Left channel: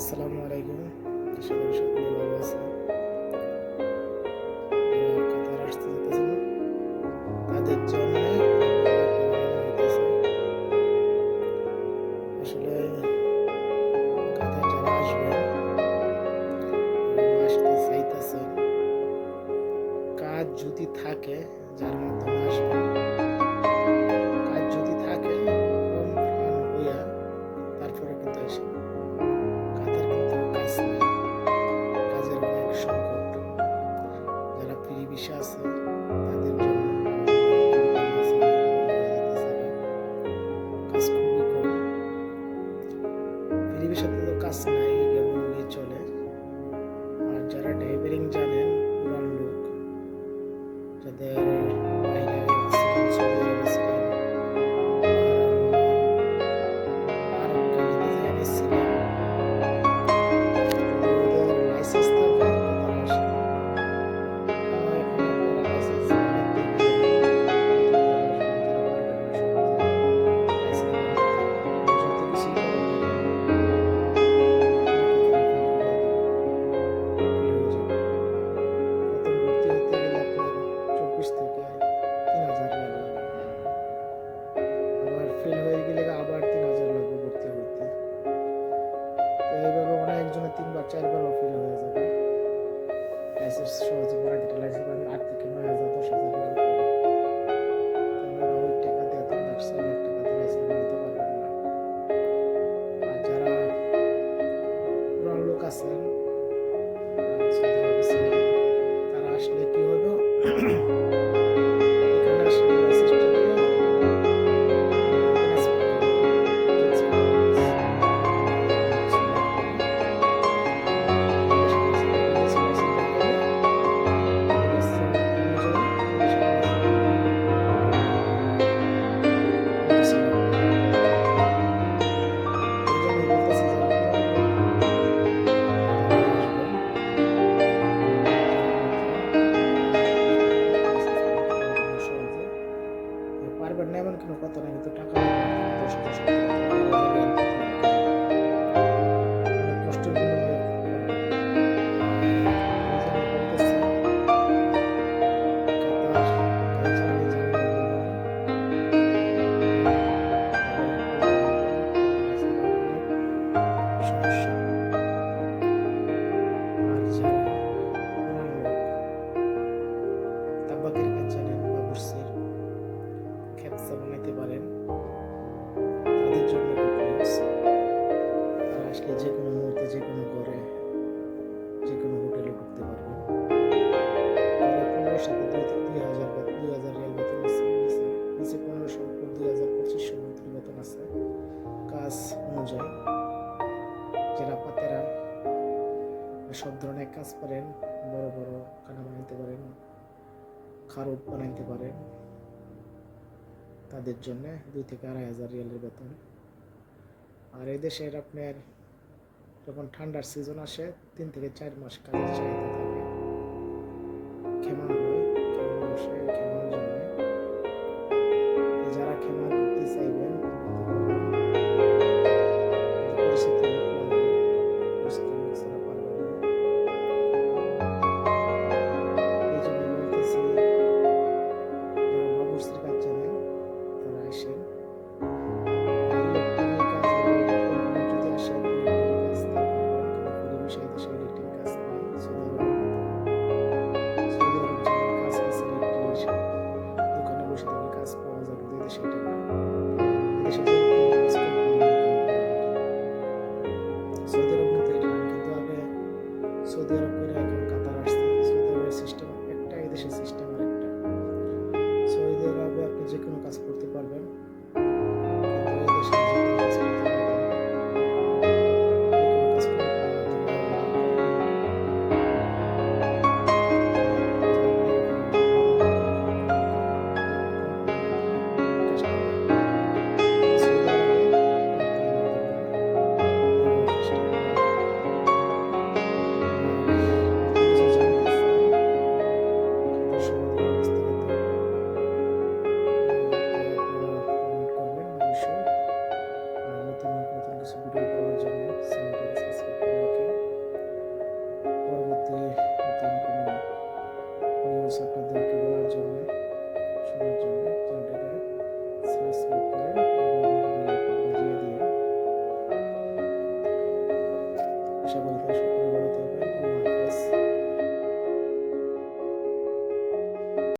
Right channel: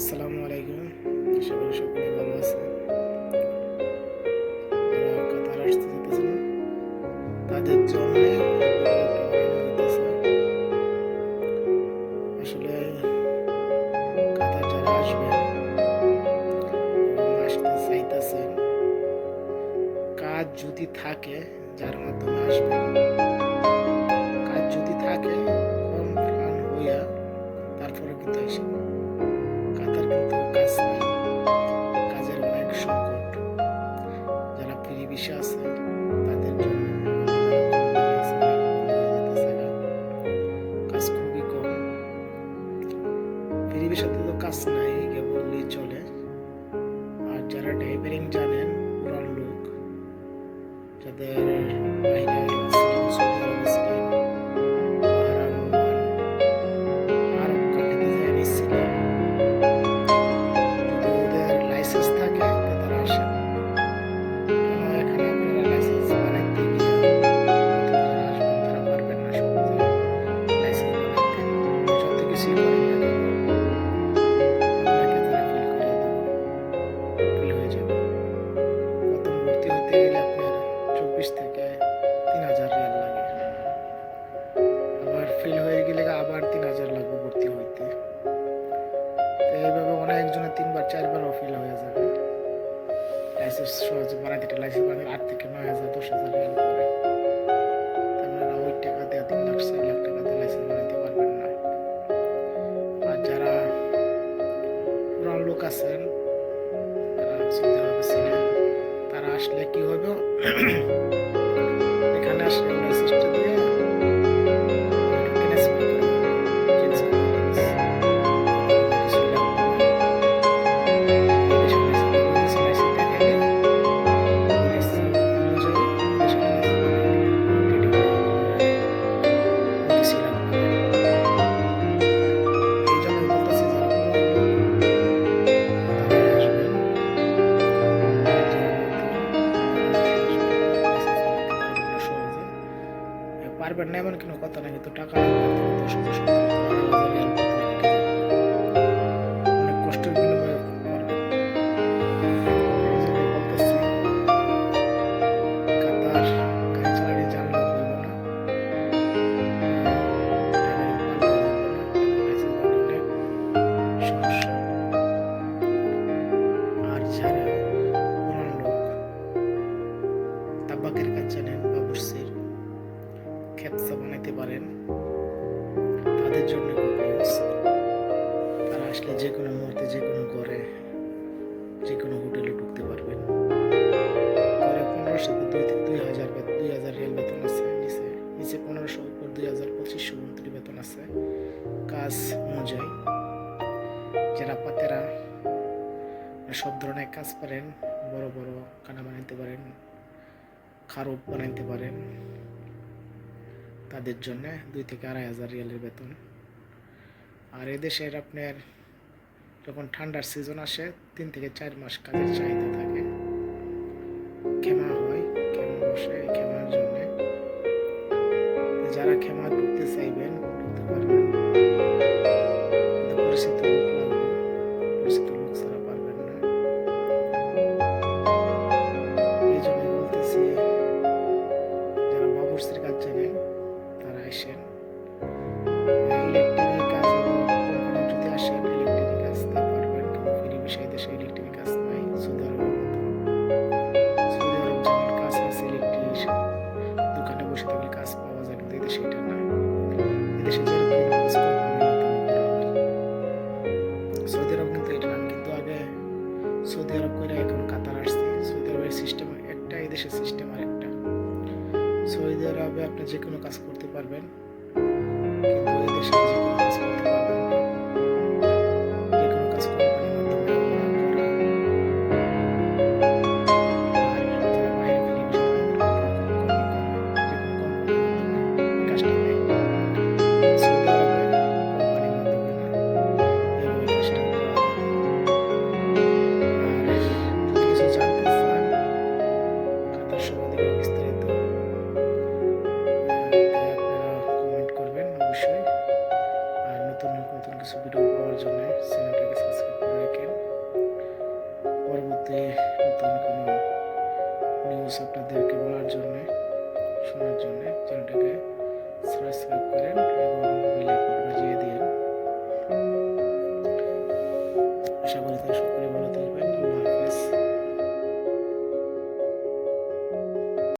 আসসালামু আলাইকুম। আশা করি সকলে ভালো আছে। যারা কাতার আসতে যেতেছেন তাদের জন্য ভিডিওটা বানানো হইতেছে। আসলে কাতার যারা আসবেন এবং আসতে চাইতেছেন, কাজ যদি থাকে যার মাধ্যমে আসবেন, কাজ যদি থাকে কম ফান হইয়া তারপরে কিন্তু আসেন। কাতার কিন্তু কাজ নাই, কাজের অনেক সংকট। যারা ফ্রি ভিসা আছে তাদের জন্য কাজ খুবই কম। ফ্রি ভিসাতে তো কাজ নাই বললেই চলে। আর যারা ড্রাইভারিং জানেন, পুরান লোক যাদের বাইরে ছিলেন, সৌদি আরবে ছিলেন, বাহরাইন, ওমান, আরব কান্ট্রিতে ছিলেন, যদি ওদের লাইসেন্স থাকে তো তারা আসেন। এখানে আপনারা লাইসেন্স বানাইতে গিয়ে যারা আসবেন তারা পারবেন না সহজে লাইসেন্স বানাইতে। যত কিছুই করেন না কেন আপনাকে তারা ফেল করে দেবে, ফেল হয়ে যাবে। প্রথম ভর্তি হতে গেলে আপনার 24 থেকে 3000 রিয়াল লাগে, আবার ফেল হয়ে গেলে আবার 3000 লাগবে ভর্তি হইতে। তো এইভাবে অনেকজনে 3বার 4বারও ফেল হয়ে যাবে। লাইসেন্স সহজে বাড়াইতে, লাইসেন্স বাড়াতে 8 থেকে 9000 10,000 রিয়াল পড়ে। আপনারা ওই টাকা দিয়ে 3 লাখ 4 লাখ টাকা দিয়ে লাইসেন্স বানাইতে পারবেন না। আর যারা পুরান লোক আছেন, তারা সৌদি আরবে ছিলেন, তারা আসলে কি হবে, এখানে আসলে লাইসেন্সটা দিয়ে ট্রান্সফার করে চেঞ্জ করে কিছুই লাগবে না। এই দেশের লাইসেন্স দেখাইলে ওই লাইসেন্স অনুযায়ী ওই দেশের লাইসেন্স কিছুই লাগবে না। এই জন্য বলতেছি যারা পুরান লোক তারাই আসবেন, পারবেন না এমন কোনো কথা না, কিন্তু টাকা লাগবে 10,000 17,000 18,000 রিয়াল অনেক কষ্টের বিনিময়ে পারবেন। এই জন্য বলতেছি কাতার গাড়ি চালানি জানলে হইব না, ড্রাইভারিং পারলে হইব না, লাইসেন্স বানানো অনেক সমস্যা। আর যারা পুরান লোক তাবাকের কাজ জানেন, বাবুর্চির খেপসা বানাইতে পারেন, তাদের জন্য গুড নিউজ। তারা আসলে যে কোনো মুহূর্তে যে কোনো ঘরে যে কোনো হোটেলে ঢুকতে পারবেন। ঘরে 1500 থেকে 2,000 রিয়াল বেতন আছে, নিচে নিচে 1500 উপর 2,000 2500 মতো বেতন আছে কাজ অনুযায়ী। যারা পাতেরা সব ধরনের কাজ পারেন, বড় বড় খানা বানাইতে পারেন, খারব বানাইতে পারেন, তাদের জন্য 2 থেকে 2,500 রিয়ালের বেতন। আর এদেশের আপনার যখন ঠান্ডার সিজন আসে 3 থেকে 4 মাস কাজের চাহিদা থাকে, খেমা হয়, খেমা বসে। এই খেমার জন্য যারা খেমা ঢুকতে চাইবেন ঢুকতে পারবেন, কিন্তু পরিচিত লোক লাগবে, পরিচিত লোক ছাড়া পারবেন না। এই জন্য বলতেছি যারা বাবুর্চির কাজ জানেন তারা আসেন। ইলেকট্রিকের কাজ কোম্পানি যদি আসেন ইলেকট্রিকের কাজ তা পারবেন, কিন্তু ফ্রি ভিসায় দেশে ইলেকট্রিকের কাজ নাই সৌদি আরবের মতো। সৌদি আরব যেমন কাজ আছে ইলেকট্রিক দোকানে বসে থাকলে কাজ পাওয়া যায়, কিন্তু এদেশে এটা না। এদেশে যে ফ্রিল্যান্স কোম্পানির মাধ্যমে করা হয়। সৌদি আরব কিন্তু এটা না। কিন্তু আগে সৌদি আরব করে এখন কাতার আসছে। সৌদি আরবের সিস্টেম একটা, এদেশের সিস্টেম আর একটা। সৌদি আরবে আপনি যে কোনো কাজ করতে পারবেন, কিন্তু এই দেশে যে কোনো কাজ করতে পারবেন না। যে কোনো কাজ কোম্পানির মাধ্যমে ওরা করে। আর যারা বাইরে ফিরে ভিসা তাদের মাধ্যমে খুব কমই করে, যে কোনো কোম্পানির মাধ্যমে কাজটা দেয়। সৌদি আরবে কোম্পানির মাধ্যমে না, এইভাবে কাজটা করা হয়। আর যদি কিছু জানতে চান কাতার সম্বন্ধে বিস্তারিত, আপনারা কমেন্ট করবেন অবশ্যই। জন্য চ্যানেলটাকে সাবস্ক্রাইব করে রাখেন। পরবর্তী নতুন কোনো নিউজ আপনাদেরকে বলার জন্য, শোনার জন্য চ্যানেলটাকে সাবস্ক্রাইব করেন এবং বেল আইকন বাজিয়ে দিন। আশা করি সকলে ভালো থাকবেন। আল্লাহ হাফেজ।